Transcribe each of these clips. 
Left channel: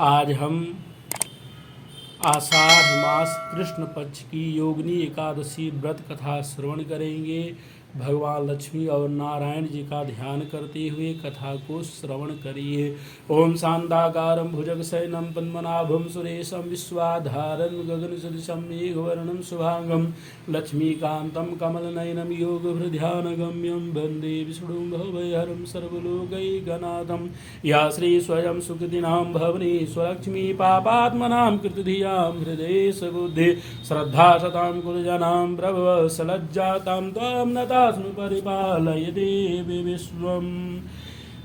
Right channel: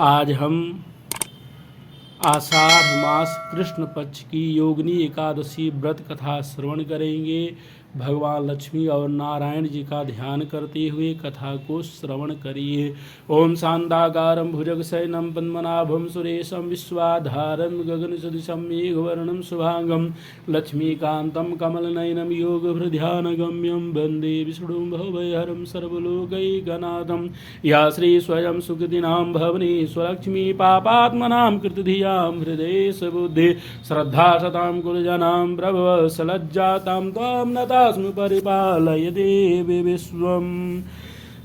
आज हम आषाढ़ मास कृष्ण पक्ष की योगिनी एकादशी व्रत कथा श्रवण करेंगे। भगवान लक्ष्मी और नारायण जी का ध्यान करते हुए कथा को श्रवण करिए। ओम शांताकारं भुजगशयनं पद्मनाभं सुरेशं विश्वाधारं गगनसदृशं मेघवर्णं शुभांगं लक्ष्मीकान्तं कमलनयनं योगभृध्यानगम्यं वन्दे विष्णुं भवभयहरं सर्वलोकैकनाथं। या श्री स्वयं सुकृतिनां भवनेश्वरलक्ष्मी पापात्मनां कृतधियां हृदये सबुद्धे श्रद्धा सतां गुरुजनां प्रभव सलज्जातां त्वां नता परिपालय देवी विश्वम।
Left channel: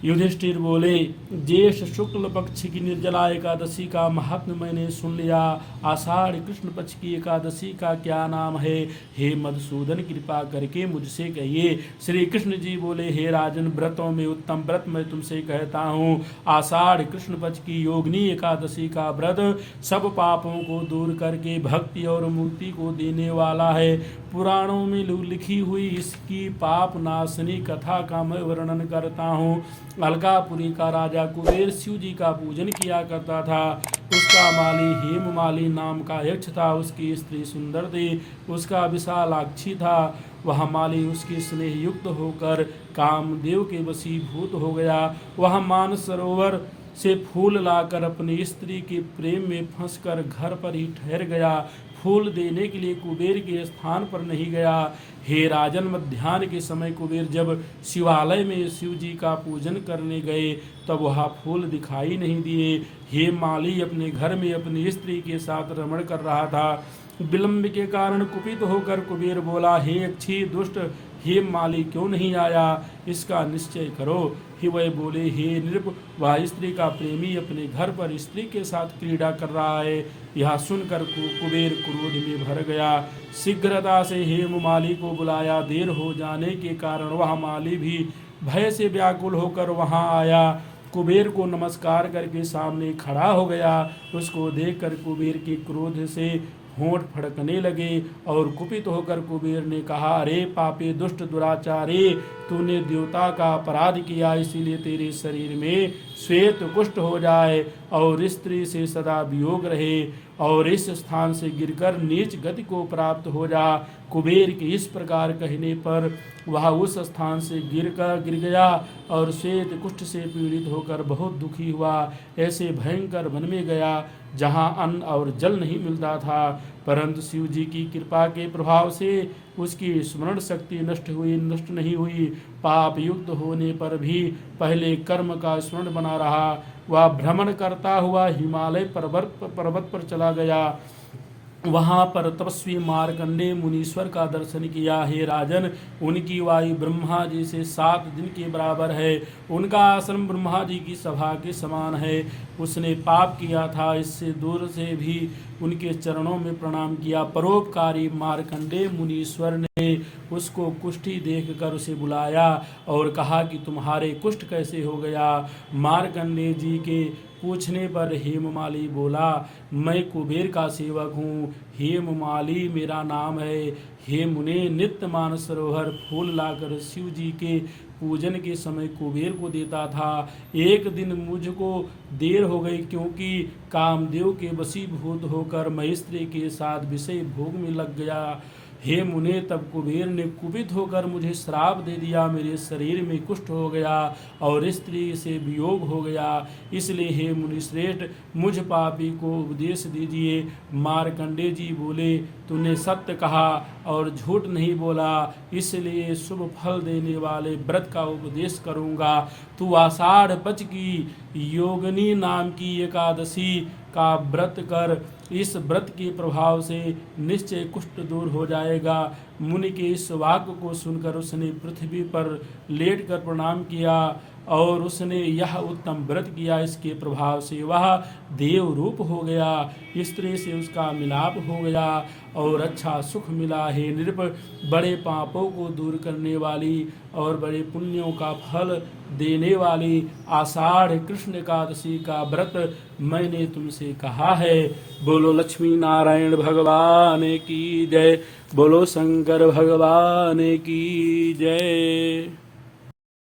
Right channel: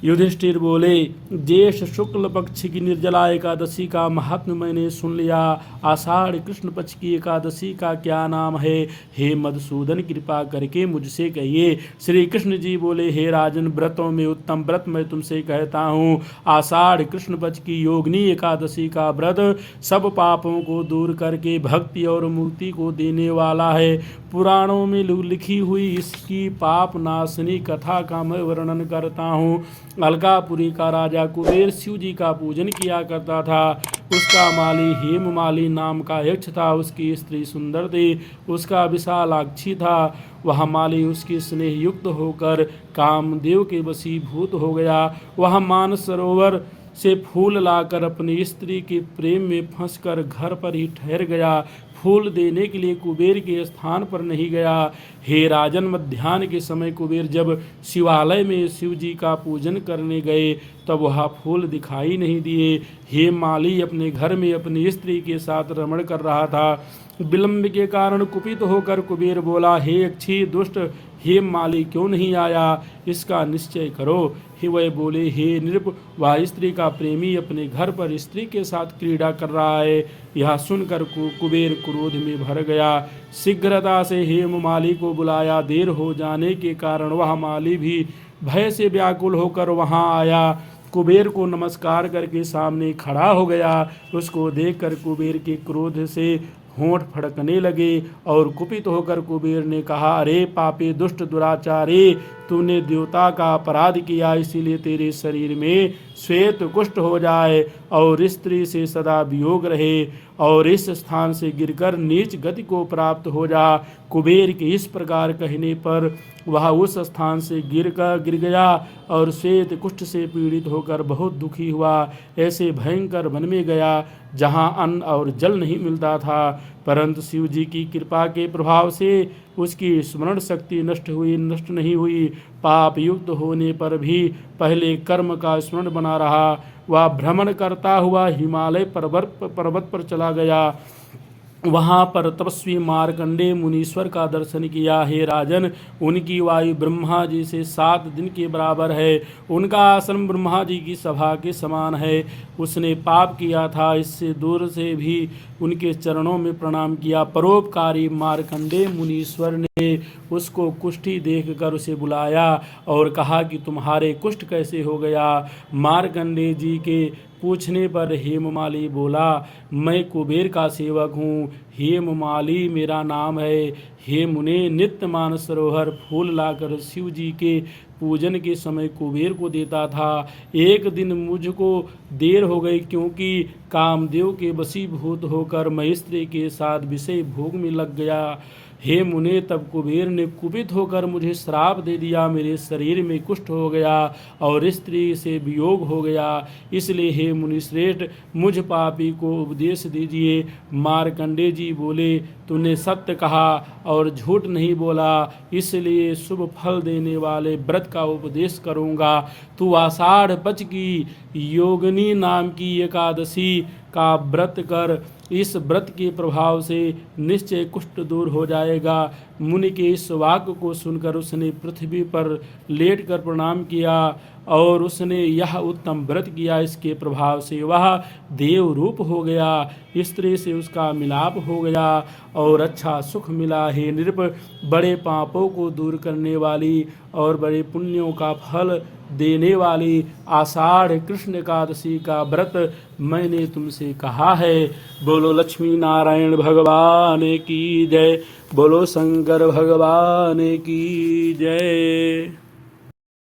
युधिष्ठिर बोले, ज्येष्ठ शुक्ल पक्ष की निर्जला एकादशी का महात्म्य मैंने सुन लिया। आषाढ़ कृष्ण पक्ष की एकादशी का क्या नाम है? हे मधुसूदन, कृपा करके मुझसे कहिए। श्री कृष्ण जी बोले, हे राजन, व्रतों में उत्तम व्रत मैं तुमसे कहता हूँ। आषाढ़ कृष्ण पक्ष की योगिनी एकादशी का व्रत सब पापों को दूर करके भक्ति और मुक्ति को देने वाला है। पुराणों में लिखी हुई इसकी पाप नाशनी कथा का मैं वर्णन करता हूँ। अलकापुरी का राजा कुबेर शिव जी का पूजन किया करता था। उसका माली हेममाली नाम का यक्ष था। उसकी स्त्री सुंदर थी, उसका विशालाक्षी था। वह माली उसके स्नेह युक्त होकर कामदेव के वशीभूत हो गया। वह मानस सरोवर से फूल लाकर अपनी स्त्री के प्रेम में फंसकर घर पर ही ठहर गया। फूल देने के लिए कुबेर के स्थान पर नहीं गया। हे राजन, मध्याह्न के समय कुबेर जब शिवालय में शिव जी का पूजन करने गए तब वह फूल दिखाई नहीं दिए। हे माली अपने घर में अपनी स्त्री के साथ रमण कर रहा था। विलंब के कारण कुपित होकर कुबेर बोला, हे अच्छी दुष्ट, हे माली क्यों नहीं आया? इसका निश्चय करो। ही वह बोले, हे नृप, वह स्त्री का प्रेमी अपने घर पर स्त्री के साथ क्रीड़ा कर रहा है। यह सुनकर कुबेर क्रोध में भर गया। शीघ्रता से हेममाली को बुलाया। देर हो जाने के कारण वह माली भी भय से व्याकुल होकर वहां आया। कुबेर को नमस्कार करके सामने खड़ा हो गया। उसको देखकर कुबेर के क्रोध से होंठ फड़कने लगे और कुपित होकर कुबेर ने कहा, अरे पापी दुष्ट दुराचारी, तूने देवता का अपराध किया, इसीलिए तेरे शरीर में श्वेत कुष्ठ हो जाए और स्त्री से सदा वियोग रहे और इस स्थान से गिरकर नीच गति को प्राप्त हो जा। कुबेर के इस प्रकार कहने पर वह उस स्थान से गिर गया और श्वेत कुष्ठ से पीड़ित होकर बहुत दुखी हुआ। ऐसे भयंकर वन में गया जहाँ अन्न और जल नहीं मिलता था, परंतु शिव जी की कृपा के प्रभाव से उसकी स्मरण शक्ति नष्ट नहीं हुई। पाप युक्त होने पर भी पहले कर्म का स्मरण बना रहा। वह भ्रमण करता हुआ हिमालय पर्वत पर चला गया। वहां पर तपस्वी मार्कंडेय मुनीश्वर का दर्शन किया। हे राजन, उनकी वायु ब्रह्मा जी से 7 दिन के बराबर है। उनका आश्रम ब्रह्मा जी की सभा के समान है। उसने पाप किया था, इससे दूर से भी उनके चरणों में प्रणाम किया। परोपकारी मार्कंडेय मुनीश्वर ने उसको कुष्ठी देखकर उसे बुलाया और कहा कि तुम्हारे कुष्ठ कैसे हो गया? मार्कंडेय जी के पूछने पर हेममाली बोला, मैं कुबेर का सेवक हूँ। हेममाली मेरा नाम है। हे मुने, नित्य मानस सरोवर फूल लाकर शिव जी के पूजन के समय कुबेर को देता था। एक दिन मुझको देर हो गई क्योंकि कामदेव के वशीभूत होकर मैं स्त्री के साथ विषय भोग में लग गया। हे मुने, तब कुबेर ने कुपित होकर मुझे श्राप दे दिया। मेरे शरीर में कुष्ठ हो गया और स्त्री से वियोग हो गया। इसलिए हे मुनिश्रेष्ठ, मुझ पापी को उपदेश दीजिए। मार्कंडेय जी बोले, तूने सत्य कहा और झूठ नहीं बोला, इसलिए शुभ फल देने वाले व्रत का उपदेश करूँगा। तू आषाढ़ पक्ष की योगिनी नाम की एकादशी का व्रत कर। इस व्रत के प्रभाव से निश्चय कुष्ठ दूर हो जाएगा। मुनि के इस वाक्य को सुनकर उसने पृथ्वी पर लेटकर प्रणाम किया और उसने यह उत्तम व्रत किया। इसके प्रभाव से वह देव रूप हो गया। स्त्री से उसका मिलाप हो गया और अच्छा सुख मिला। हे नृप, बड़े पापों को दूर करने वाली और बड़े पुण्यों का फल देने वाली आषाढ़ कृष्ण एकादशी का व्रत मैंने तुमसे कहा है। बोलो लक्ष्मी नारायण भगवान की जय। बोलो शंकर भगवान की जय।